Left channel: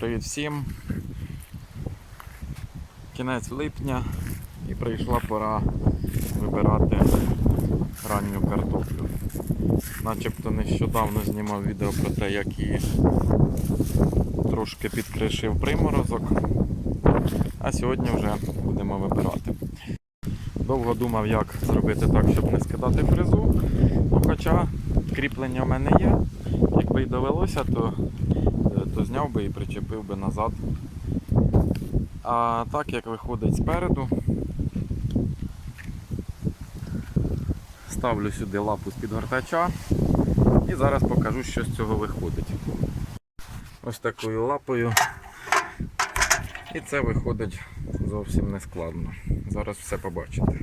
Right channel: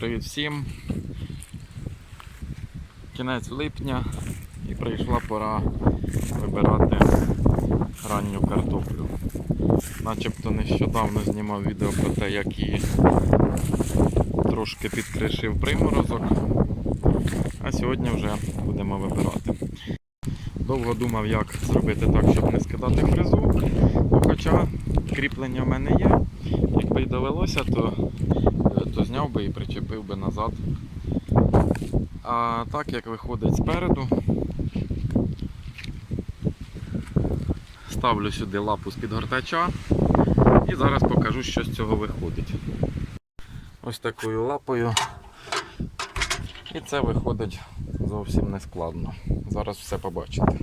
Привіт всім. Кінець липня і прийшла пора вибирати ранню картоплю. Начебто нещодавно знімав відео про те, як її трошки підкришив приморозок. А сьогодні вже будемо вибирати. Довго думав, як зробити так, щоб не скидати фрезу. Хоча кріплення в мене є. Якби й довелося, то, е, то зняв би і причепив би назад. А так як виходить спереду, ставлю сюди лапу з підгортача і зараз покажу, що з цього виходить. Ось такою лапою. І це виходить зовсім не складно. Зараз все побачите.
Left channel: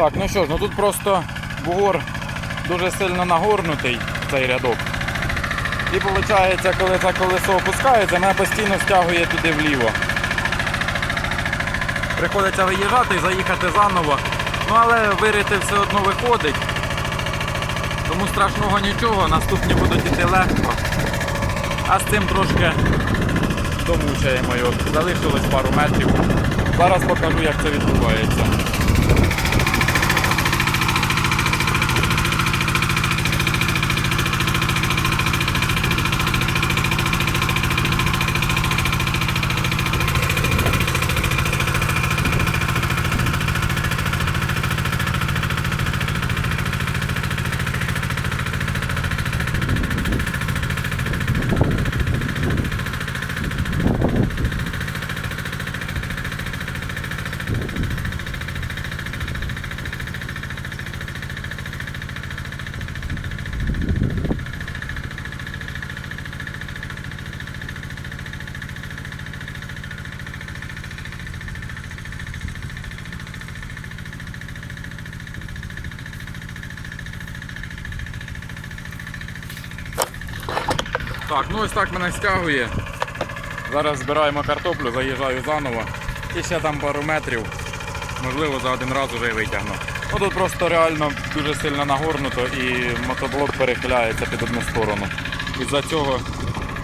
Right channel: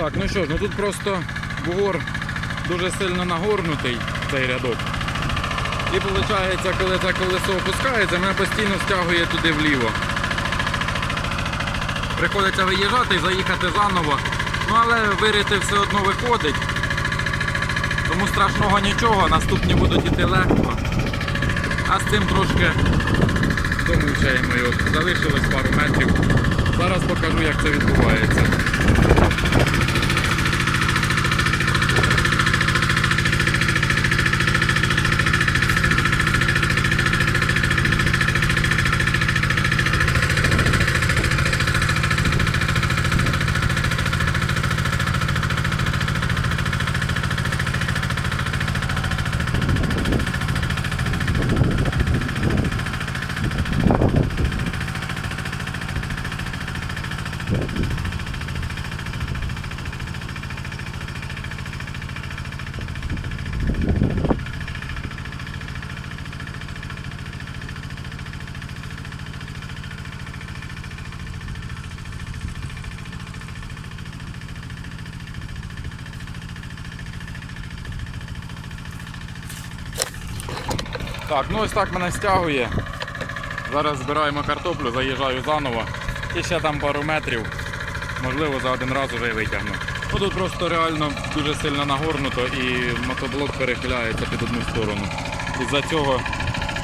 Так, ну що ж, ну тут просто бугор дуже сильно нагорнутий цей рядок. І виходить, коли це колесо опускається, мене постійно стягує туди вліво. Приходиться виїжджати і заїхати заново. Ну але вирити все одно виходить. Тому страшного нічого, наступні будуть іти легко. А з цим трошки домучаємо його. Залишилось пару метрів. Зараз покажу, як це відбувається. Так, ну ось так мене стягує. Зараз збираємо картоплю, заїжджаю заново. І ще там пару метрів. Можливо, за один раз вже витягну. Ну тут просто реально дуже сильно нагорнуто і мотоблок перехиляється під одну сторону. Із-за цього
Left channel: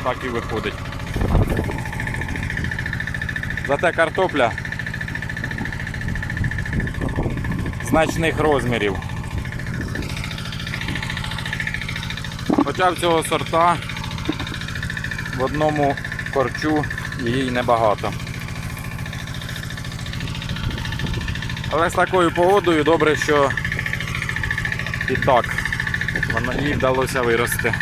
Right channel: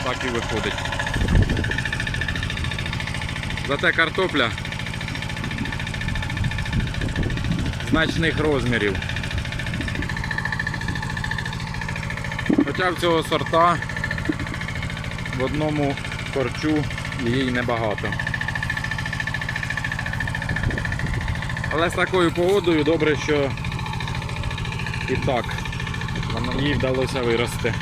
так і виходить. Зате картопля значних розмірів. Хоча в цього сорта в одному корчу її небагато. Але з такою погодою добре, що і так їй вдалося вирости.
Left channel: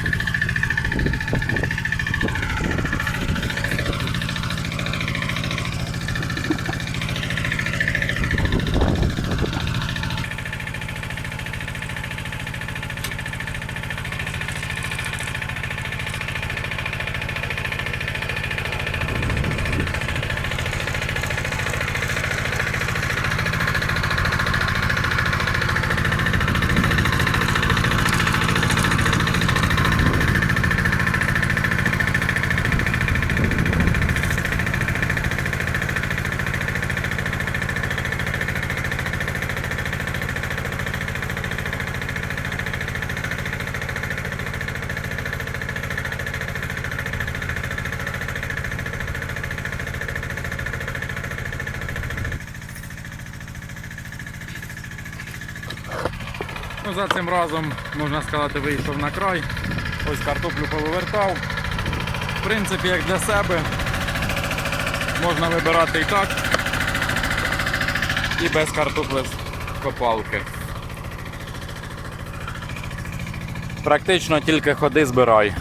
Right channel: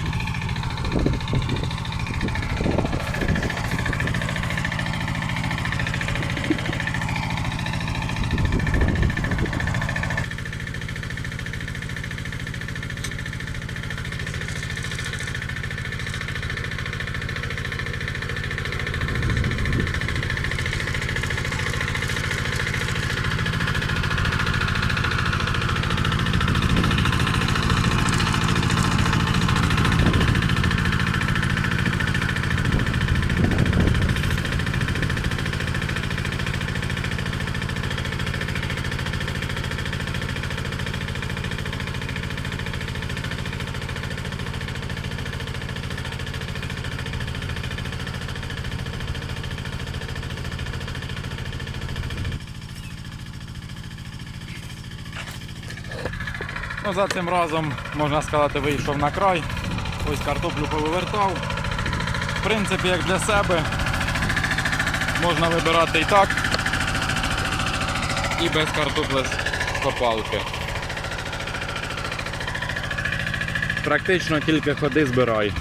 За цим разом, можна сказати, вийшов на край. Ось картоплю повивертав. В принципі, як для себе, можна вибирати і так, і без картопли з копалки. Практично тільки ходи збирай.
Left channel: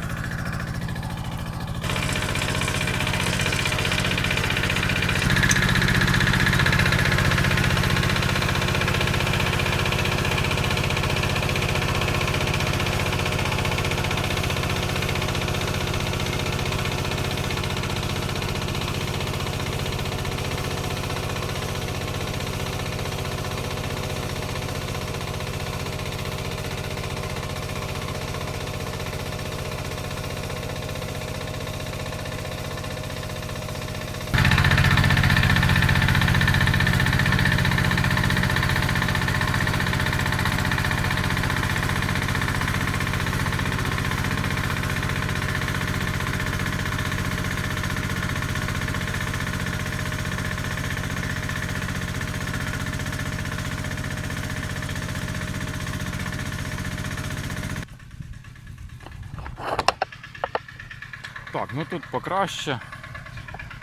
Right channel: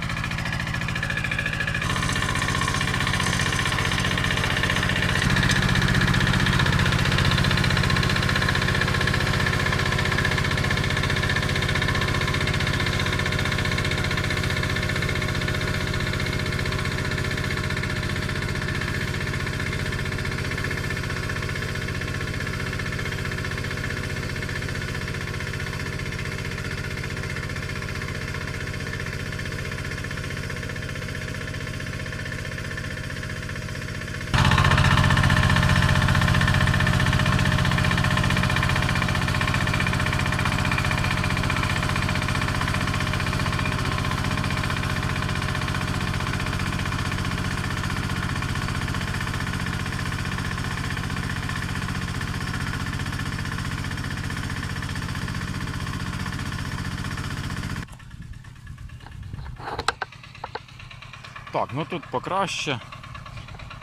Так, ну тут покраще.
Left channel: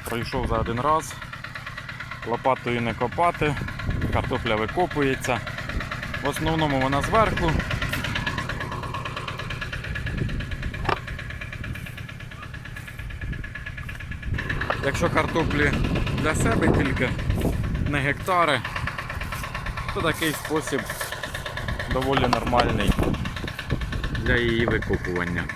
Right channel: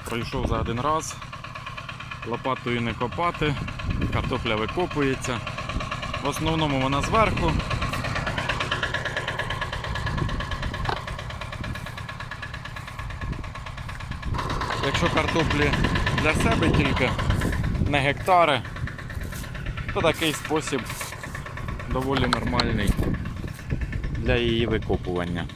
Пройшов за один раз. Лопатою не копати, картопля викопується. В основному вона зверху. Якщо картоплі для себе тільки не гектари, то такий спосіб доволі нормальний для її викопування.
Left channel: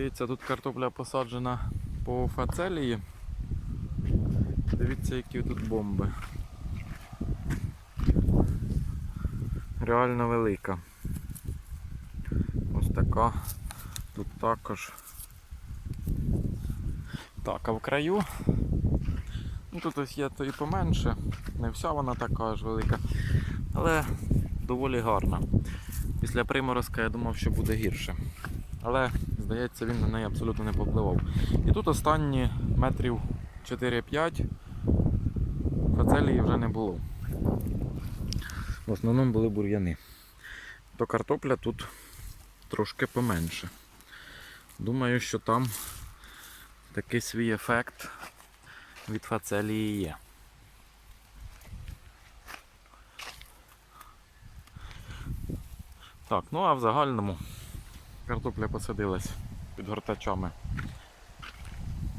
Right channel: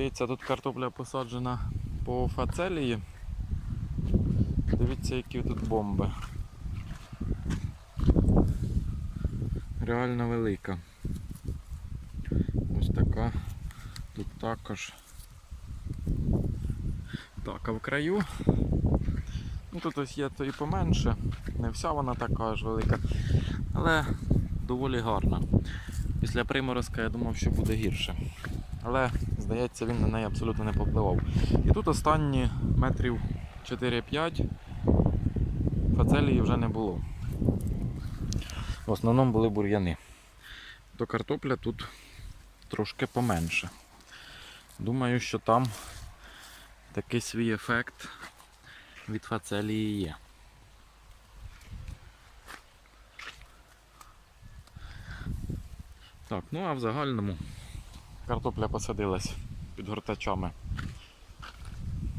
Ну, Дивіться, тут картопля посаджена по фацелії. Дивіться, які тут бомби. Реально велика. Ось така. Тут також. Так, а в краю. Ну тут ось є то і поменше. Не вся вона така ж велика. Але доволі гарна. Після приморозка я думав, що буде гірше. Але, здається, він на неї абсолютно не попливав. І тут останні метрів 4-5 фацелії вже не було. В основному були бур'яни. То картопля тут трошки поменше. Думаю, що там такий свій ефект від фацелії є. Так, ну а в загальному картопля посадилась під гортачами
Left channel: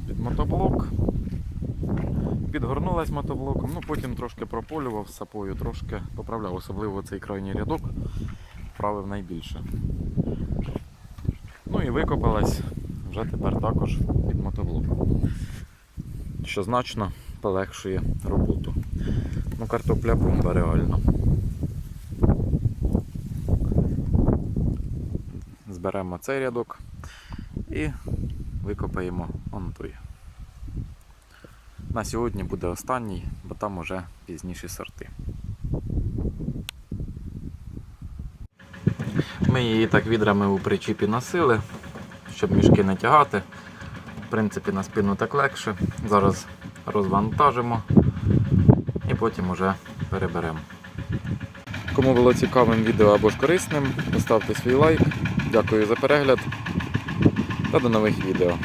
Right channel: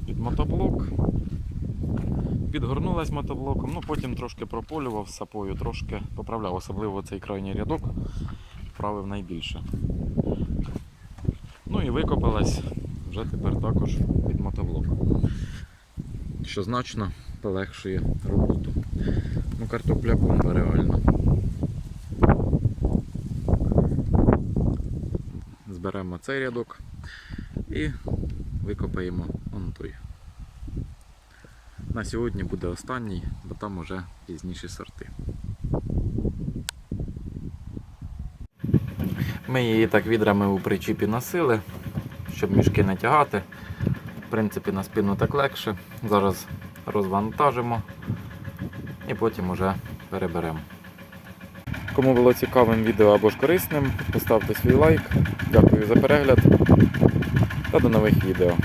під мотоблок. Підгорнулась мотоблоком, ну потім трошки прополював сапою, трошки поправляв, особливо цей крайній рядок вправив найбільше. Ну і викопалась вже тепер також під мотоблок. Що значно полегшує роботу. Ну, картопля бомба реально. Зберемо цей рядок і викопаємо он той. На сьогодні буде останній, бо там уже пізніші сорти. Ми її так відрами у причіпі носили, щоб мішки не тягати. В принципі, на спину так легше. Зараз розвантажимо і потім уже переберемо. Кому було цікавим відео або ж корисним, поставте свій лайк. Дякую за перегляд та до нових відео.